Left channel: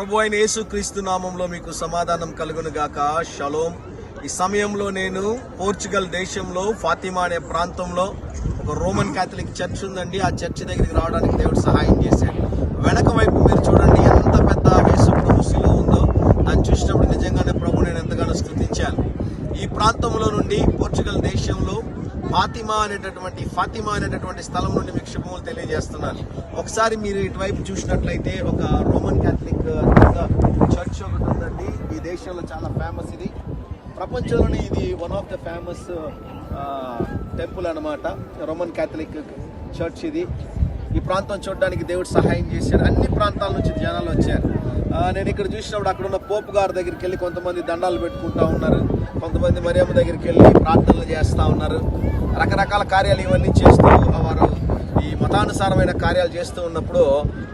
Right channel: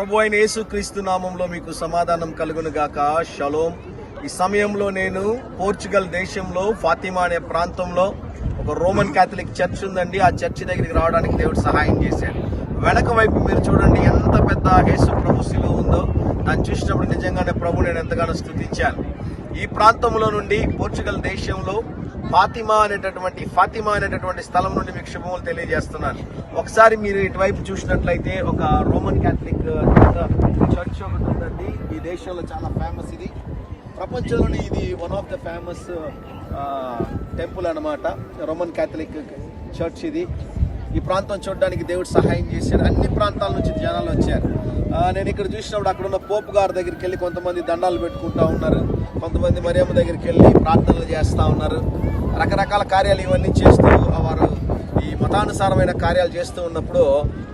ప్రభు అయిన యేసుక్రీస్తు నామంలో మీకు సమాధానం కలుగును గాక. షలోం. ఈ సమయంలో నేను పోర్చుగల్ దేశంలో ఫాతిమా అనే ప్రాంతంలో ఒక రోమన్ క్యాథలిక్ చర్చ్ ఉందండి. ఆ చర్చ్ దగ్గరికి రావడానికి దేవుడు సహాయం చేశాడు. వెనక వైపు మీరు చూడండి, ఎంత పెద్ద యేసు ప్రభు శిలువ ఉందో. దాన్ని చూసినప్పుడు నిజంగానే ప్రభు నేను ఎంతగానో స్తుతించాను. ఈ ప్రాంతంలో నుండి పోర్చుగల్ దేశంలో ఫాతిమా అనేటటువంటి స్థలం నుండి మీకు శుభములు తెలియజేస్తున్నాను. ఒకసారి మీరు ఇటువైపు చూసినట్లయితే ఒక రోమన్ క్యాథలిక్ చర్చ్ ఒకటి ఉందండి. ఈ దేశంలో చాలా ఫేమస్. ఇది ప్రపంచంలోనే ఇది one of the famous temple అన్నమాట. రోమన్ క్యాథలిక్ చర్చ్ ఇది. ఈ ప్రాంతం చూడడానికి దేవుడు సహాయం చేశాడు. అన్ని ప్రాంతాల నుంచి జనాలు వచ్చారు. నేను ఇక్కడ చూసినప్పుడు అక్కడ ఉన్న పోపు గారి దగ్గరికి వెళ్ళి కొంతమంది దండాలు పెట్టుకుంటా ఉన్నారు, కొంతమంది మరియమ్మ దగ్గరికి వెళ్ళి ప్రార్థనలు చేస్తూ ఉన్నారు. రకరకాల కార్యాలు ఇవన్నీ చేస్తూ వారు ఈ మతానుసారమైన కార్యాలు చేస్తూ ఉన్నప్పుడు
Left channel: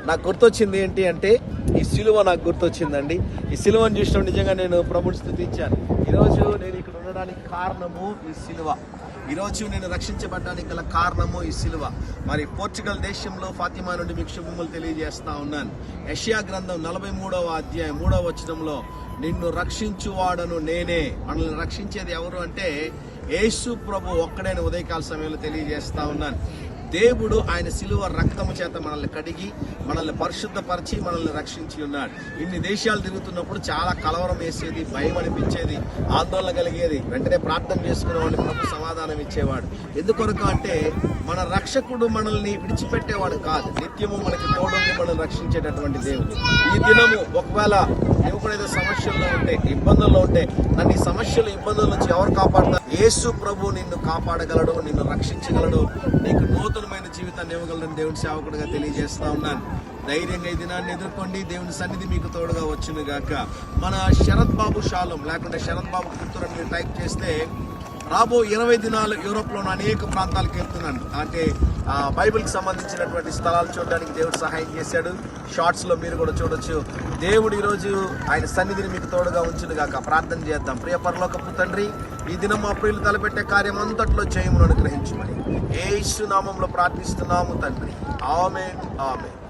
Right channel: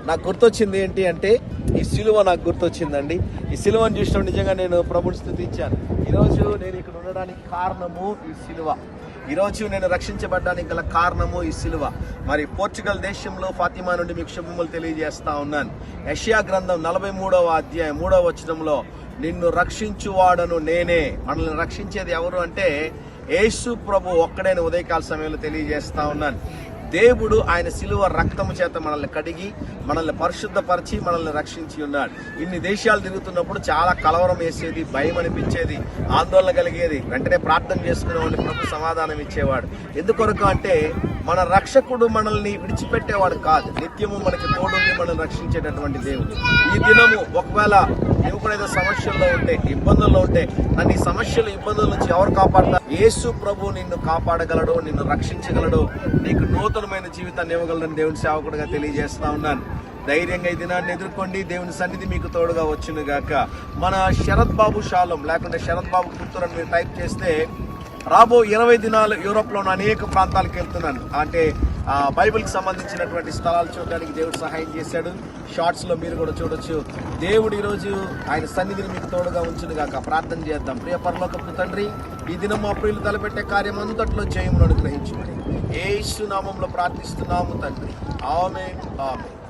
నాకు గుర్తొచ్చింది ఏంటి అంటే, ఈ సిలువ నాకు గుర్తొచ్చిందండి. ఈ సిలువను చూసినప్పుడు నిజంగా నేను ప్రభుని స్తుతించాను. ఈరోజు నేను ఇక్కడ ఉండడానికి కారణము ఈ సిలువ. ఈరోజు నేను రక్షించబడ్డానికి గల కారణము ఈ సిలువ. మరి పోర్చుగల్ దేశంలో ఫాతిమా నుండి మీకు శుభములు తెలియజేస్తా ఉన్నాను. యెషయా గ్రంథం 43వ అధ్యాయం 3వ వచనంలో, నిన్ను రక్షించువాడను నేనే. మనల్ని రక్షించేది ఎవరు అంటే యేసు ప్రభు ఒక్కడైన ఉదయకాల సమయంలో తెలియజేస్తా ఉన్నాను. దేవుడు ఆయన శిలువ రక్తము చేత మనల్ని కడిగి మనల్ని పరిశుద్ధపరిచి మనల్ని రక్షించి ఉన్నాడు. ఇన్ని దేశాలు తిరుగుతున్నప్పుడు చాలా కలవరం వేసేది, భయం అనిపించేది, ఆందోళన కలిగేది. వెంటనే ప్రార్థన చేసుకునే వాళ్ళు ప్రభు సమాధానం ఇచ్చేవాడు. ఎందుకొరకు అంటే మన రక్షకుడు మనల్ని విడిచిపెట్టేవాడు కాదు, నిత్యము మనకి తోడుండి మనం రక్షించేటటువంటి దేవుడు. ఈ దినము ఒకవేళ నువ్వు కూడా ఏదో సమస్యల్లో ఉంటే, ఇబ్బందుల్లో ఉంటే, నన్ను ఈ సమస్యలు ఇబ్బందుల నుంచి ఎవరు కాపాడతారు? యేసు ప్రభు నిన్ను కాపాడగలడు, నిన్ను రక్షించగలడు, నీకు నూతనమైన జీవితాన్ని ఇవ్వగలడని దేవుని సేవకుడిగా తెలియజేస్తా ఉన్నాను. ధైర్యంగా ఈ దినాన్ని ఎదుర్కోండి. దేవుని సన్నిధి మీకు తోడుగా వచ్చును గాక. మన శరత్ బాబు షాలోం లేకుంటే శరత్ బాబు పుత్తూరు అని మీరు టైప్ చేస్తే రాబో 20 దినాలు యూరోప్ లో అనేక ప్రాంతాలకు వెళ్తున్నాను. అంటే బైబిల్కి సంబంధించినటువంటి స్థలాలు చూడడానికి దేవుడు సహాయం చేశాడు. షార్ట్స్ లో మీరు కూడా చూడొచ్చు. దేవుడు ఈరోజు ఆయన సన్నిధిని మీకు తోడుగా ఉంచును గాక. ప్రార్థన చేద్దాం. ప్రియ పరలోకపు తండ్రి, ఈ దినం మా ప్రియులు తలపెట్టే కార్యం అంతట్లో జయమును అనుగ్రహించమని యేసు నామంలో ప్రార్థిస్తున్నాము తండ్రి. ఆమేన్, ఆమేన్.